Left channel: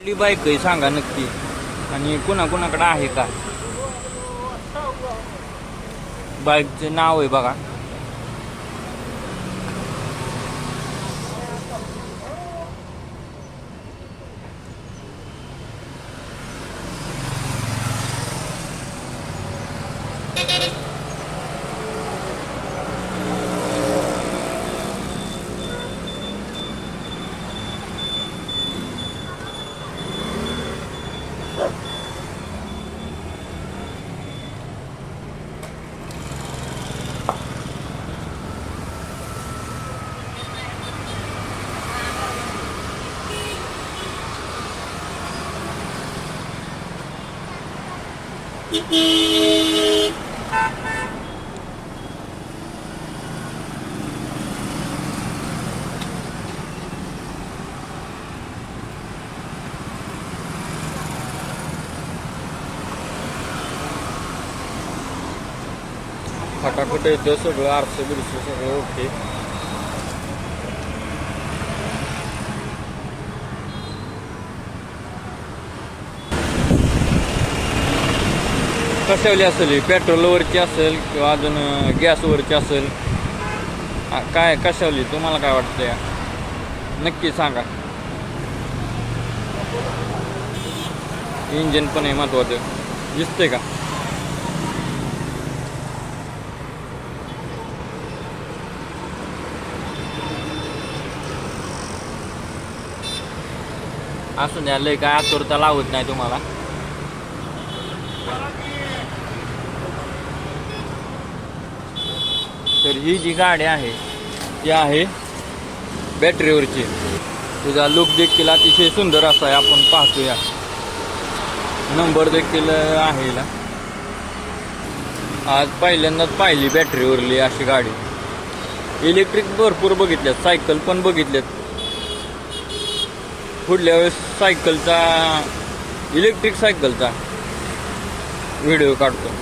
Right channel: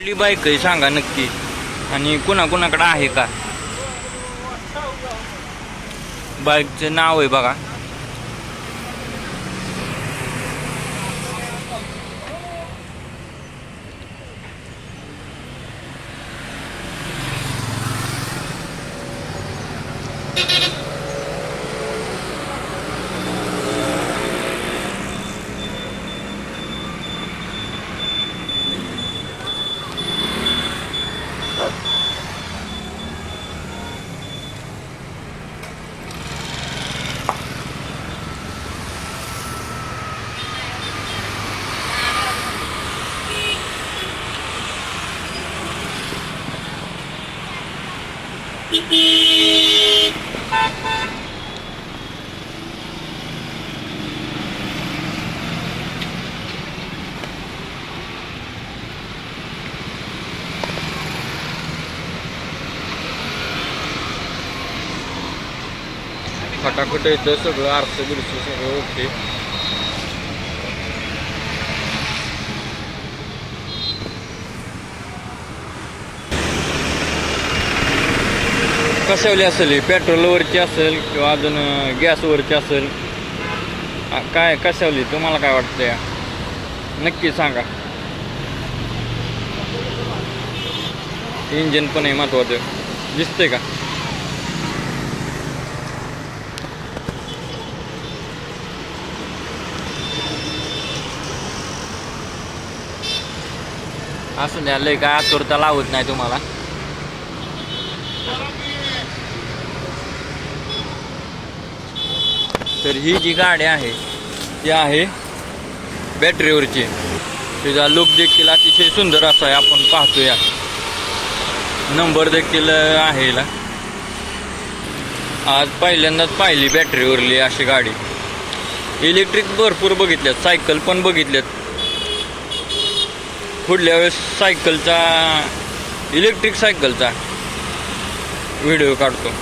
कुठली बाईक आहे सांगा नक्की. आणि कुणाकुणाकडे आहे का? बाईकचं नाव आहे बघा. खटाखट येतं सगळं आरसं बिरसं सगळं ओके. कशावली असेल पेट्रोलवरची असेल किंवा अजून गॅसवरची असेल काय कशावली? तुम्हाला काय वाटतं या नक्की सांगा. इंजिन पण आहे महत्वाचं. दिसतंय का? असं द्या लय काय आतुरता लावत नाही तुम्हाला. तर ही जी गाडी आहे ती आहे बॅटरीवरची. तिचा लुक देखील अतिशय सुंदर असा आहे आपण पाहतो या नंबर देखील आहे हिला. आज पहिल्यांदाच पाहिली बॅटरीवरली अशी गाडी. इलेक्ट्रिक भरपूर बघितल्यात सायकल पण बघितल्यात. पुढल्या वेळेस सायकलचा इलेक्ट्रिक सायकलचा व्हिडिओ काढतो.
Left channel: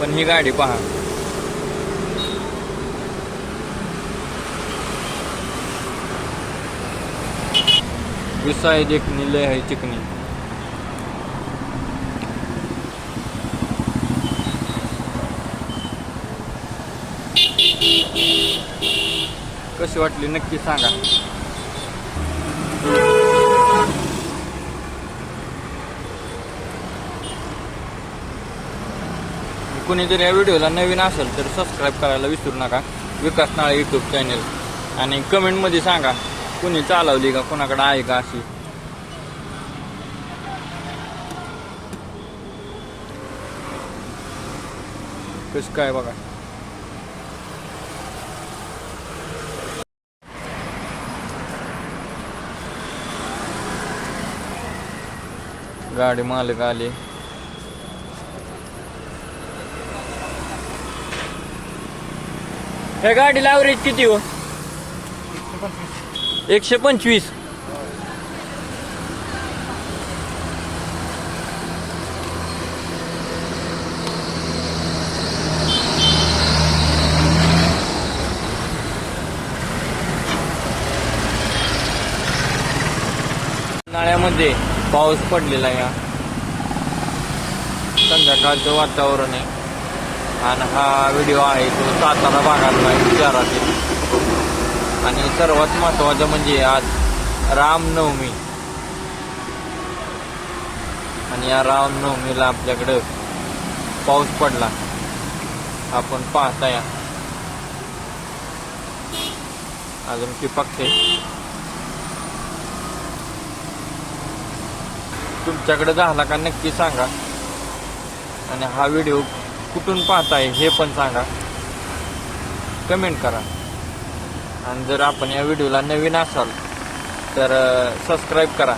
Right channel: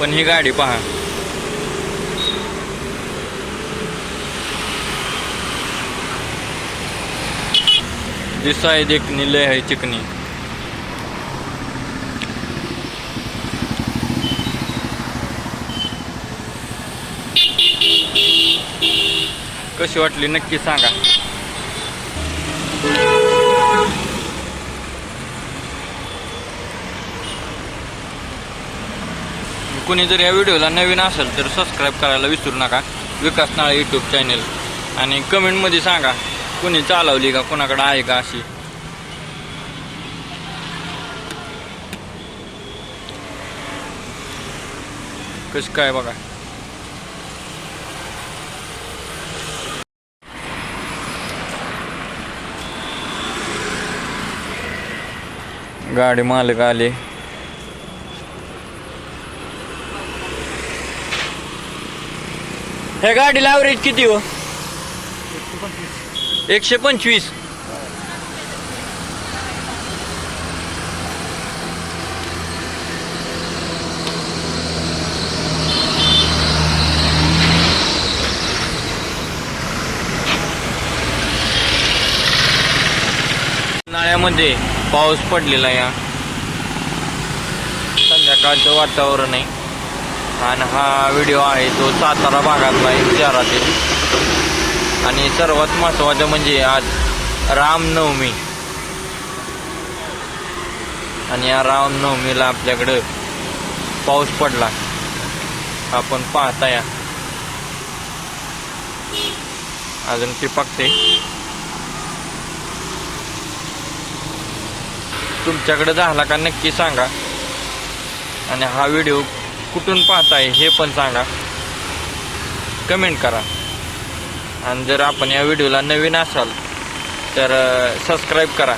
पण ही गाडी पहा. दिसाय देखणी लय आहे चिकनी कशी वाटली नक्की सांगा. कोणी जर या व्हिडिओला नवीन असेल तर सबस्क्राईब करायला विसरू नका. विकास नाळे यूट्यूब चॅनेल आणि कमेंटमध्ये सांगा कोणी चालवली का कोणाकडे आहे का अशी? कसं काय बघा? गाडी मालक आले. ह्या गाडीला ॲव्हरेज किती हो? एकशे पंचवीस. उन्हाळ्यामध्ये पाऊस पडलेला या. संध्याकाळचं वातावरण आहे. आणि हा व्हिडिओ आहे तो सातारा भागातला शहरातील. आणि सर्वात महत्वाचं म्हणजे आज रामनवमी. आणि या रामनवमीला आपल्याकडं पाऊस पडला. आपण पाहता या. अजून चिपकते. तुमच्याकडे झाला का नक्की सांगा. आणि हा व्हिडिओ कुठून पाहताय हे पण सांगा. कमेंट करा. आणि जर आपण या व्हिडिओला नवीन असाल तर सबस्क्राईब करा.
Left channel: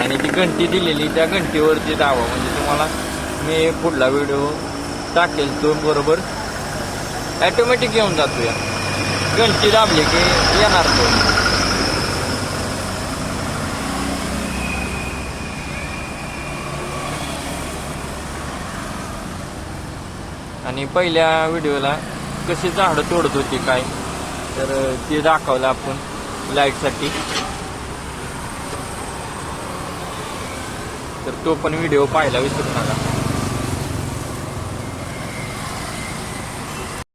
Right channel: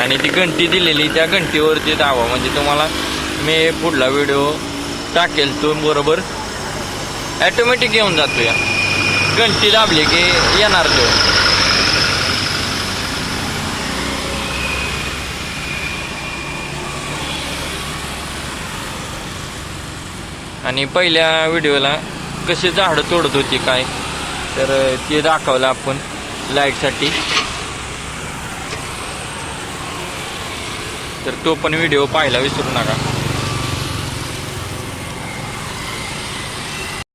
आणि ती घंटी दिलेली त्या घंटीवरती दावा म्हणजे तुम्हाला मी पुढला व्हिडिओ टाकेल तो बरोबर ॲटोमॅटिक येऊन जातो या घंटी दाबली की येणार तो. आणि पहिल्या व्हिडिओला कशी झाडं तोडत होती काय तर ते दाखवलं आपण लाईटसाठी. तर तो पण व्हिडिओ पाहायला विसरू नका.